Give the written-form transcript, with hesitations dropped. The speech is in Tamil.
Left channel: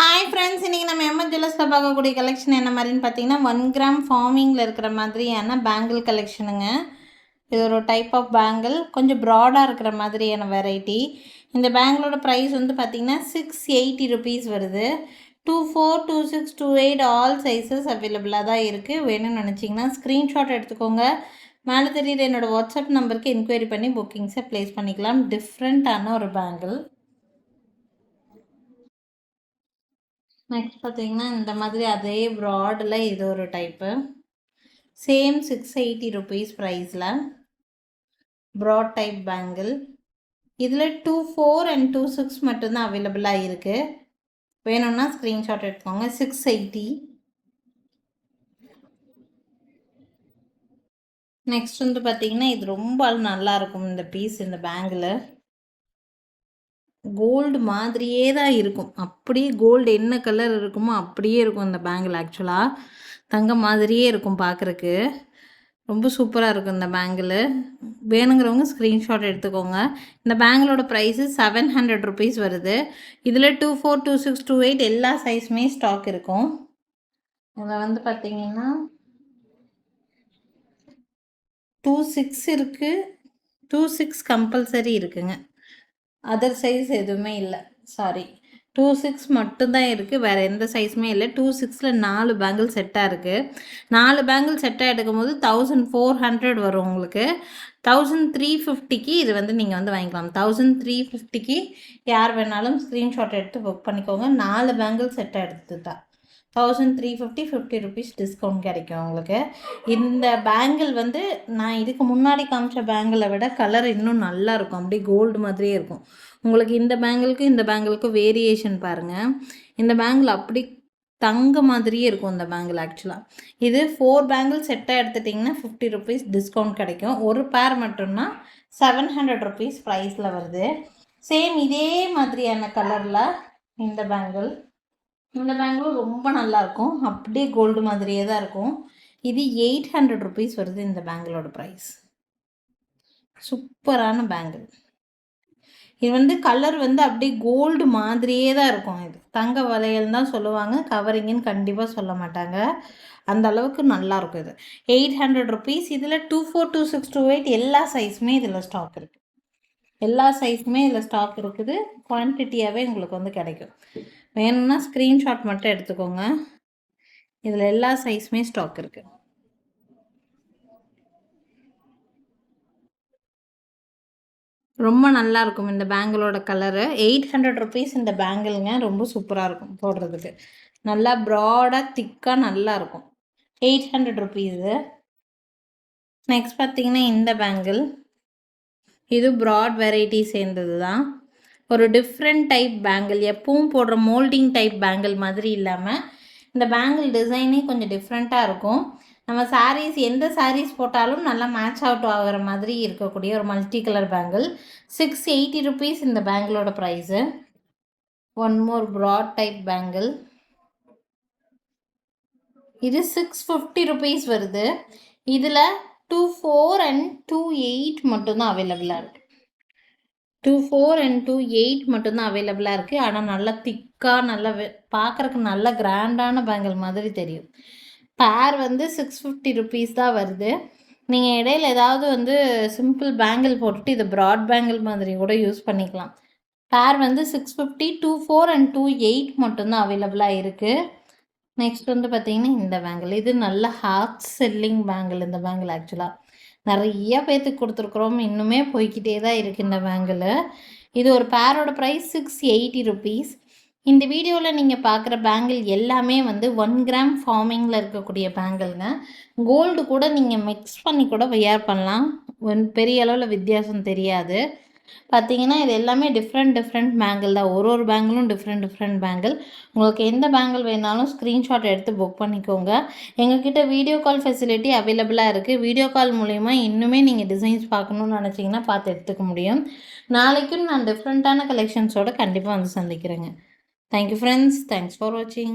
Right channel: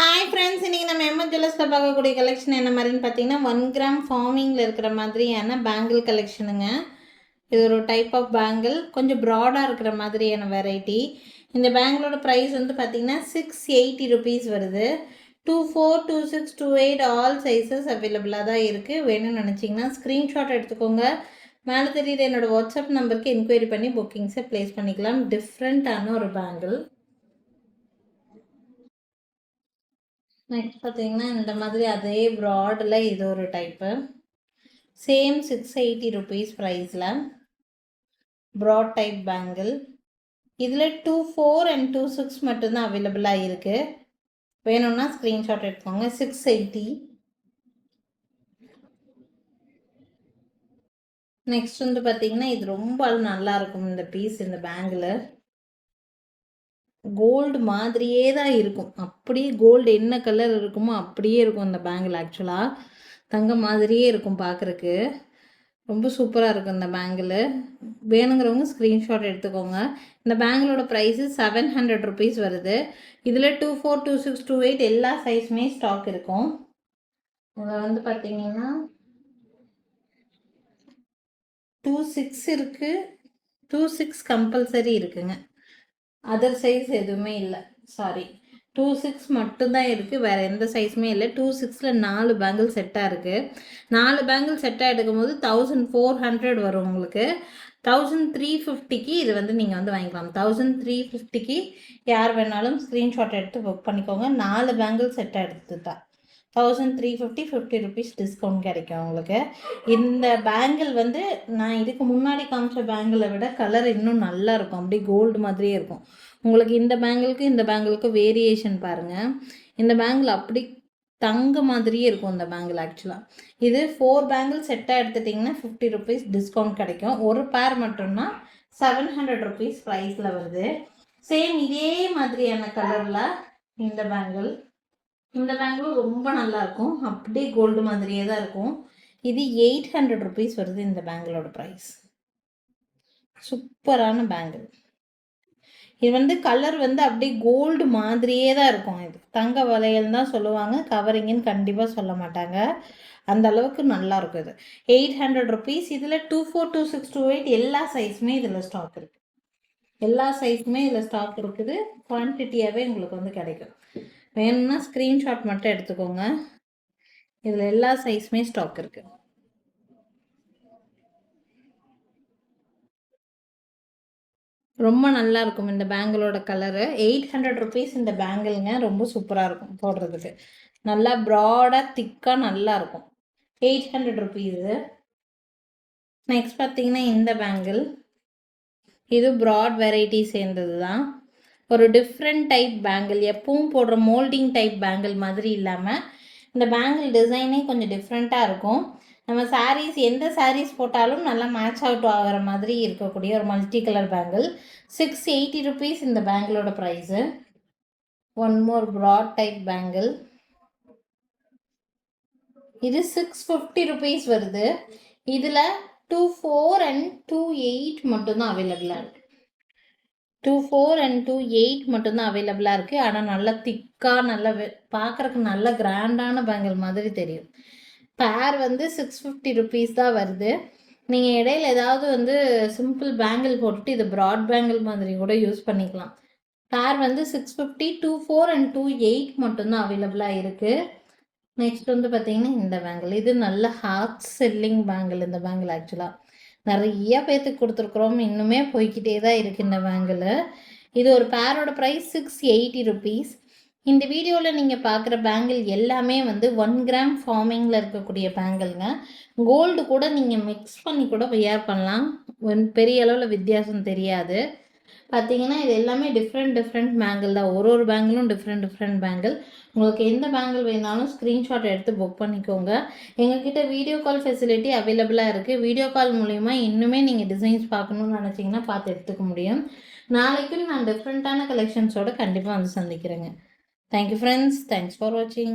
ஹாய் ஃப்ரெண்ட்ஸ், இன்றைக்கி நம்ம எம்எஸ் ஜுவல்லர்ஸில் பார்க்கக்கூடிய கலெக்ஷன் என்ன மாதிரின்னு பார்த்தீங்கன்னா 1 கிராம் ஃபார்மிங்கில் இருக்கிற மாதிரியான பேங்கிள் கலெக்ஷனுங்க. இது ஒரு டைப் ஆஃப் பேங்கிள், கொஞ்சம் ப்ராடாக இருக்கிற மாதிரியான வெரைட்டி. இந்த பேங்கிளோட ப்ரைஸ் வந்து பார்த்திங்கன்னா 680 ருபீஸ் வருது. 24, 26, 28 ஆல் சைஸஸ் அவைலபிளாக தான் இருக்குது. வேணும்னு நினச்சிங்கன்னா ஸ்க்ரீன்ஷாட் எடுத்துக்கோங்க. மேலே தெரியுற என்னோடய வாட்ஸ்அப் நம்பருக்கு என்கொயரி பண்ணி புக்கிங்ஸை ப்ளேஸ் பண்ணிக்கலாம். டிஃப்ரெண்ட்டான ஒரு பேங்கிள். நெக்ஸ்ட் பார்த்தீங்கன்னா இந்த மாதிரி அதே ப்ராடில் இது ஒரு டைப்பு. சேம் 680 ருபீஸ் ப்ரைஸில் ப்ராட் டைப் பேங்கிள். இதில் 24 அண்ட் 26 மட்டும்தான் அவைலபிளாக இருக்குது. வேணும்னா ஸ்க்ரீன்ஷாட் எடுத்துக்கோங்க. 680. நெக்ஸ்ட் வந்து பார்த்தீங்கன்னா இது ரொம்ப நல்லாயிருக்கும் இந்த பீஸ். இந்த பேங்கிள் கோல்டு மாதிரியே தான் இருக்கும். அப்படியே கோல்டு என்ன கலர் இருக்குமோ அப்படியே இருக்கும் இந்த பேங்கிள். ஆக்சுவலாக தங்கம் மாதிரியே இருக்கும் பார்க்குறக்கு. ரொம்ப சூப்பராக இருக்கும் இந்த பேங்கிள். வேணுங்கிறவங்க ஸ்க்ரீன்ஷாட் எடுத்துக்கோங்க. இந்த பேங்கிளோட ப்ரைஸு 700 ருபீஸ் வருது. இதில் 24, 26, 28 எல்லா சைஸுமே ஸ்டாக் இருக்கும். இதில் வந்து பார்த்தீங்கன்னா 26 இருக்குது, 26 கம்பல்சரி இருக்குங்க. அதர் சைஸ் எதுவுமே இல்லை, சாரி. 26 மட்டும்தான் இருக்குது, வேறு எந்த சைஸுமே இல்லை. 26ல் 4 பேங்கிள் செட்டாக இருக்குது. 4 பேங்கிள் செட்டாக எடுக்கும்போது 1400 வரும் உங்களுக்கு. 1350க்கு இது வந்து நீங்கள் வந்து வாங்கிக்கலாம். 1350க்கு யார் வேணாலும் ஸ்க்ரீன்ஷாட் எடுத்து புக் பண்ணிக்கோங்க. 4 பேங்கிள் செட்டாக எடுத்துட்டா 1350, 50 ருபீஸ் டிஸ்கவுண்ட் கிடைக்கும் உங்களுக்கு. இந்த பேங்கிள் வந்து நான் இதுக்கு முன்னாடி காமிச்ச பேங்கிளை விட கலர் இன்னும் நல்லா இருக்கும். அப்படியே கோல்டு மாதிரியே இருக்கும். உங்களுக்கு இந்த பேங்கிளுக்கு இந்த பேங்கிளுக்கு வேரியேஷன் பாருங்கள். இந்த பேங்கிள் அப்படி தங்க மாதிரியே இருக்கும் இந்த பேங்கிள். ஆக்சுவலாக இது 4 பேங்கிள் செட்டாக எடுத்துட்டிங்கன்னா 50 ருபீஸ் டிஸ்கவுண்ட் கிடைக்கும். ஒரு பேர் மட்டும்னா 700 ருபீஸ் ப்ரைஸில் வருது. சேம் இதே மாதிரியான கலரில் இந்த பேங்கிள். இந்த பேங்கிள் ரொம்ப நல்லாயிருக்கும். அப்படியே கோல்டு மாதிரியே தான் இருக்கும். இது 800 ருபீஸ் வருது இந்த பேங்கிளோட ப்ரைஸ். சூப்பரான பேங்கிள். இது வந்து கலர் வந்து அப்படியே கோல்டு மாதிரியே தான் இருக்கும். இது தங்க வளையல் தான் சொல்லுவாங்க, கவரிங்குன்னு கண்டிப்பாக சொல்ல மாட்டாங்க. அந்த அளவுக்கு நல்லாயிருக்கும் இது. 800 ருபீஸ். இதில் 24, 26, 28 எல்லா சைஸுமே இதில் ஸ்டாக் இருக்குது. எல்லா சைஸுமே இதில் ஸ்டாக் இருக்குது. குவான்டிட்டியாகவே உங்களுக்கு வந்து கிடைக்கும். வேணும்னா ஸ்க்ரீன்ஷாட் மட்டும் எடுத்துக்கோங்க. இதில் எல்லா சைஸுமே ஸ்டாக் இருக்குது. ரொம்ப நல்லாயிருக்கும் இந்த பேங்கிளோட கலரு. 800 ருபீஸ் இந்த பேங்கிளுங்க. ரொம்ப சூப்பராக இருக்கும் போடுறதுக்கு. நல்லா ப்ராடாக திக்காக நல்லாயிருக்கும். 800 ருபீஸு. நெக்ஸ்ட் பார்த்தீங்கன்னா இந்த பேங்கிள். இது ப்ராட் வெரைட்டி சேர்ந்தது தான். ஒரு டிஃப்ரெண்ட் டைப் பேங்கிள். எப்பவும் போடுற மோல்டிங் டைப் பேங்கிள் மாதிரி இல்லாமல் இந்த பேங்கிள் டிசைனே கொஞ்சம் டிஃப்ரெண்ட்டாக இருக்கும். நம்ம சாரீஸ் எந்த சாரீஸ் போட்டாலும் நல்லா மேட்ச் அவுட் ஆகிற மாதிரி இருக்கக்கூடிய ஒரு மல்டி கலர் பேங்கிள். 680 ருபீஸ் இந்த பேங்கிளோட price. One more broad type bangle. இது 650 ருபீஸ் வருது. இதில் 24 அண்ட் 28 மட்டும்தான் அவைலபிளாக இருக்குது. 24 அண்ட் 28 மட்டும்தான் அவைலபிளாக இருக்குது. ஆனால் நல்லா திக்காக நல்லா பார்க்குறக்கு நல்ல கிராண்டான பேங்கிள் மாதிரி தெரியும். பேர் வந்து 650 ருபீஸ் தான் வருது. நீங்கள் இடையில ஏதாவது வந்து சிம்பிள் பேங்கிள் போட்டுட்டு இது ப்ராட் பேங்கிள் மாதிரி கூட யூஸ் பண்ணிக்கலாம். பேர் வந்து 650, 24 அண்ட் 28 மட்டும்தான் அவைலபிளாக இருக்குது. நெக்ஸ்ட் வந்து பார்த்தீங்கன்னா இந்த பேங்கிள். இது நல்ல ஹாட் செல்லிங் பேங்கிள். இந்த பேங்கிள் ஆக்சுவலாக நிறைய பேர்த்துக்கு கொடுத்துருக்குறோம். இன்னுமே போய்கிட்டே தான் இருக்குது இந்த பேங்கிள். இது ஒரு பேரோட ப்ரைஸ் 680 ருபீஸ். இந்த வீடியோவில் நீங்கள் பார்க்குற பேங்கிள் எல்லாமே வந்து 1 கிராம் ஃபார்மிங்கில் இருக்கக்கூடிய பேங்கிள்ங்க. கோல்டு கூட நீங்கள் மிக்ஸ் பண்ணி கூட வியர் பண்ணலாம். பெரிய அளவில் வித்தியாசம் தெரியாது. பார்த்தீங்கன்னா இது எல்லாமே டிஃப்ரெண்ட் பேங்கிள் தான். ஒரு பேங்கிளும் டிஃப்ரெண்ட் பேங்கிள். உங்களுக்கு எந்த பேங்கிள் வேணாலும் ஸ்க்ரீன்ஷாட் எடுத்து புக் பண்ணிக்கோங்க. எங்ககிட்ட வீடியோ கால் ஃபெசிலிட்டி அவைலபிளாக இருக்குது. வீடியோ கால் மூலயமா இன்னுமே நீங்கள் டிசைன்ஸ் பார்க்கணுன்னு நினச்சிங்கன்னா பார்த்து எடுத்துக்க முடியும். நாளைக்கும் நான் டிஃப்ரெண்ட்டான கலெக்ஷன்ஸோடு கண்டிப்பாக வந்து சந்திக்கிறேங்க. Thank you friends. Thanks for watching.